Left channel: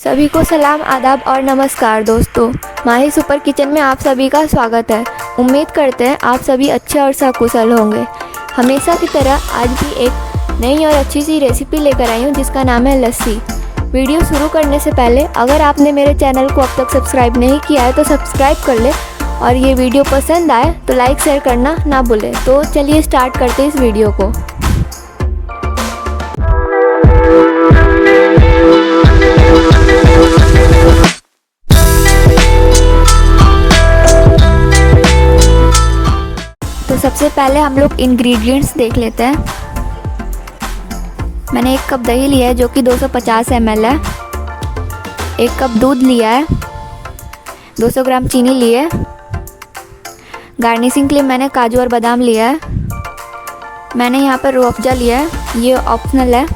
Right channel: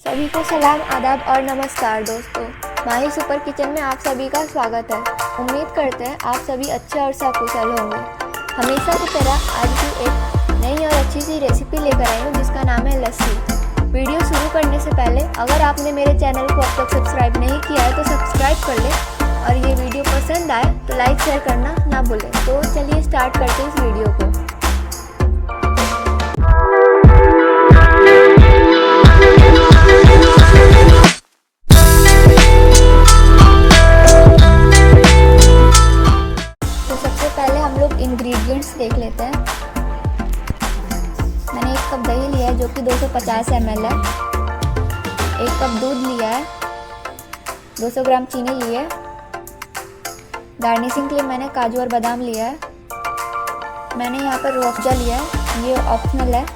सभी को सलाम, आदाब और नमस्कार दोस्तों। माही सुपर किचन में आप सभी का स्वागत है। उम्मीद करते हैं आप सभी अच्छे और सकुशल होंगे। हमेशा की तरह आज भी एक नई और अच्छी सी रेसिपी लेकर आई हूँ जिसका नाम है लस्सी। वीडियो शुरू करने से पहले अगर आपने मेरे चैनल को अब तक सब्सक्राइब नहीं किया है तो सब्सक्राइब कर ले और ये वीडियो पसंद आए तो लाइक शेयर करना ना भूलें। तो चलिए स्टार्ट करते हैं इस वीडियो को। सबसे पहले हम लोग इंग्रेडिएंट्स देख लेते हैं। मैंने 1 कप दही लिया है जो कि 250 ml है। 1 कप दूध लिया है। 200 ग्राम चीनी ली है। गार्निशिंग के लिए मैंने काजू और बादाम लिया है। मैंने यहाँ पर रूह अफ़ज़ा लिया है, ये ऑप्शनल है।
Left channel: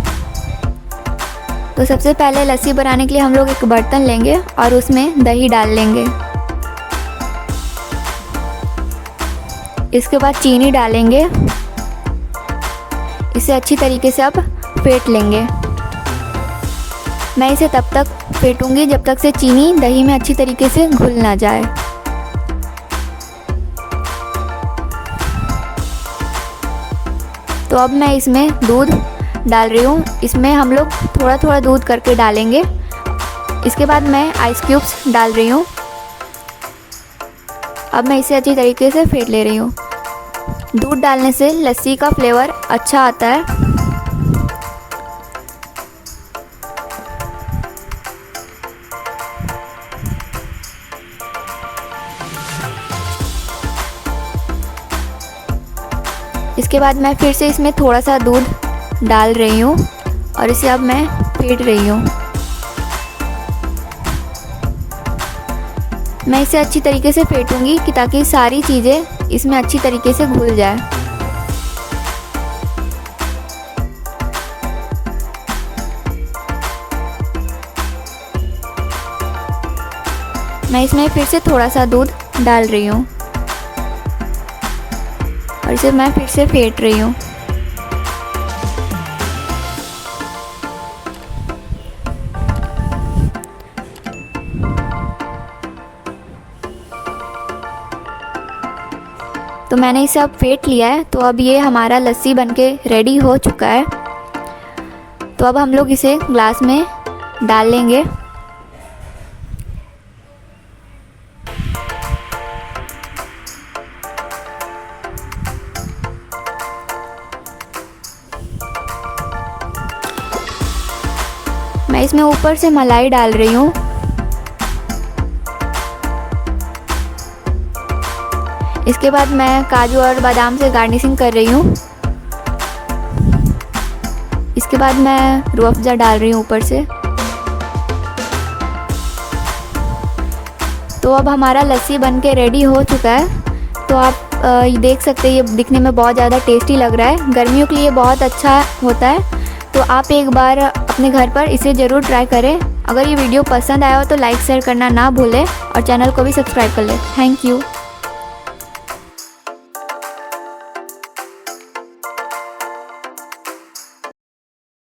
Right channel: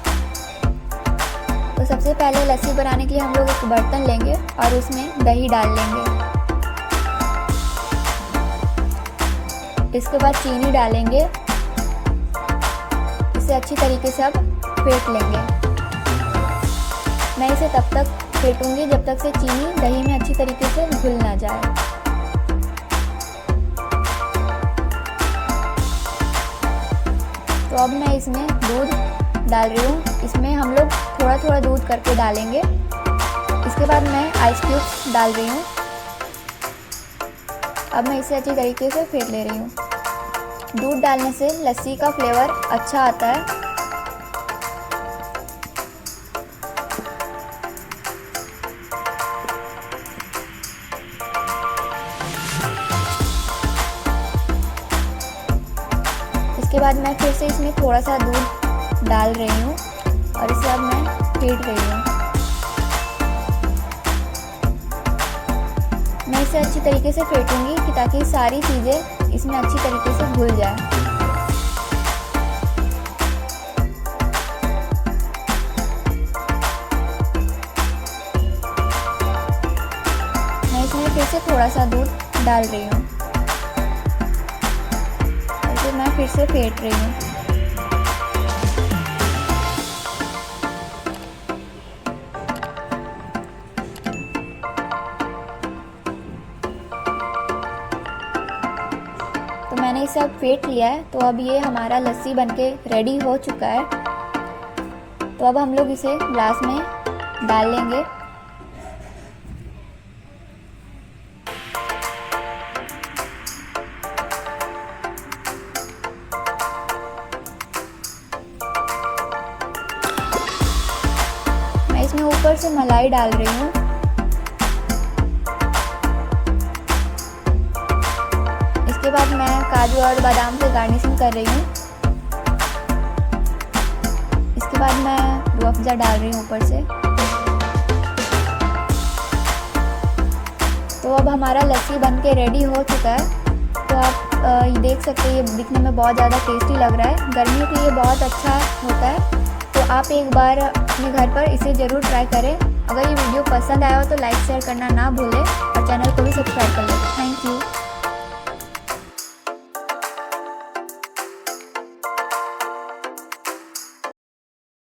तो सबसे पहले लस्सी बनाने के लिए हम लोग एक बर्तन लेंगे और उसमें दही डाल लेंगे। इसके बाद चीनी डालेंगे। इसे अच्छी तरीके से अब फेंट लेंगे। मैं इसे तब तक फेंटूंगी जब तक से चीनी दही में अच्छी तरीके से घुल ना जाए। तो अब मैं इसमें दूध डाल रही हूँ। इसमें हम लोग थोड़ा थोड़ा दूध करके डालेंगे। इसके बाद मैं आइस क्यूब्स डाल रही हूँ। अब मैं इसे अच्छी तरीके से फेंट ले रही हूँ। दूध डालने से लस्सी का फ्लेवर अच्छा आता है। इसके बाद मैं फिर से इसमें थोड़ा सा दूध डाल रही हूँ और इसे अब मैं फेंट रही हूँ। मैं इसे अच्छी तरीके से फेंटूंगी कि ताकि सारी चीज़ें इसमें अच्छी तरीके से घुल जाए। मैं इसमें फिर से थोड़ा सा दूध डाल रही हूँ और इसे मैं फिर से फेंट रही हूँ। तो मैंने इसे अब फेंट लिया है। तो अब ये हमारा लस्सी बनके रेडी हो चुका है। तो अब हम लोग इसे ग्लास में डाल लेंगे। मैं इसमें ऊपर से मलाई डाल रही हूँ। इसके बाद मैं काजू और बादाम से गार्निशिंग कर रही हूँ। इसके बाद मैं रूह अफ़ज़ा डाल रही हूँ ऊपर से। तो अब हमारा लस्सी बनके रेडी हो चुका है। तो आप देख सकते हैं ये दिखने में बहुत ज़्यादा टेस्टी लग रहा है। गर्मियों के लिए बहुत अच्छा होता है। तो आप एक बार अपने घर पर इसे ज़रूर ट्राई करें। अगर ये वीडियो पसंद आया हो तो लाइक शेयर करना ना भूलें और चैनल को भी सब्सक्राइब कर लें। Thank you.